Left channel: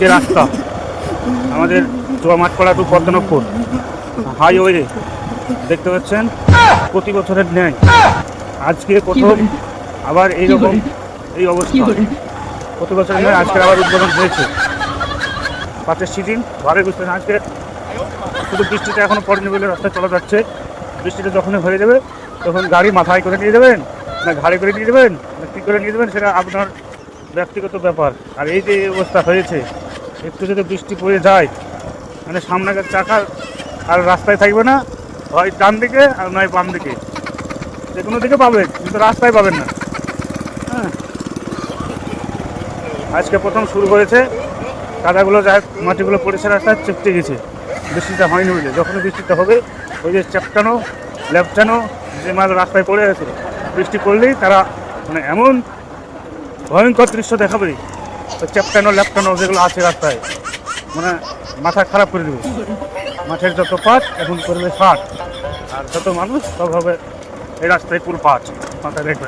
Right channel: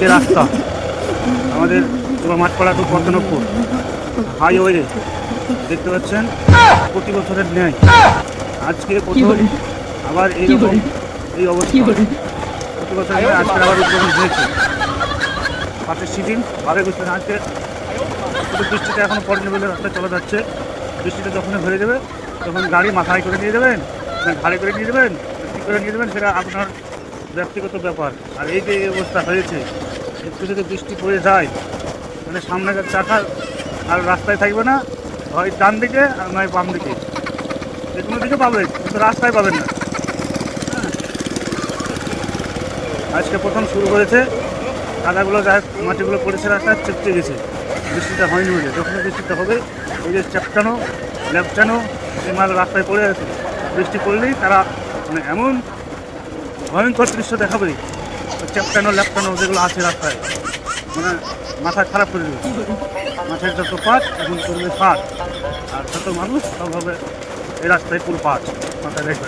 যে রাস্তা আমাদের মাঠপাড়া টু পদ্মনগর হাইওয়ে দেখতে পাচ্ছেন, প্রতি বছরের ন্যায় আজকে প্রথম আবার এইরকম এই অবস্থা। প্রতি বছরের ন্যায় আজকে আবার উদ্বোধন হয়েছে। পাঁচের সিটিং ভাবে বুঝতে আজকে শুধু বৃষ্টিটা এখনো পড়েনি বলে রাস্তায় চলা যাচ্ছে। বৃষ্টিটা যখনই হয়ে যাবে তখন গাড়ি মাথায় করে নিয়ে যাবেন না ঘাড়ে করে নিয়ে যাবেন না কী করে নিয়ে যাবেন সেটা আপনার ব্যক্তিগত ব্যাপার। আর এই যে অবস্থা হয়েছে, একটু যদি বৃষ্টি পড়ে যায় মানে সামনে চাকা আর রাস্তায় থাকবে না, হয় ডান দিকে আর নয় বাম দিকে, যে কোনো দিকে পাবেন কিন্তু রাস্তায় পাবেন না। হ্যাঁ, আজকে প্রথম শুরু হয়েছে, কাদাগুলো যায় মাটিগুলো পড়েছে রাস্তায় চেপচে গেছে। বৃষ্টিটা হয়নি বলে, যখনই বৃষ্টিটা হবে এই যে চ্যাপটানো ল্যাপটানো যে মাল রাস্তায় পড়ে আছে, বৃষ্টি পড়লেই তারা মানে এমন ভয়ঙ্কর দৃশ্য দেখাবে, চ্যাপটানো ল্যাপটানো যেগুলো আছে রাস্তায়, মানে মাথা খারাপ করে দেবে। মাথার যত পাট এখন করবে ফাট, আর যত মানুষ সব হবে এই রাস্তায় পুরো পাট মাথা রেখে।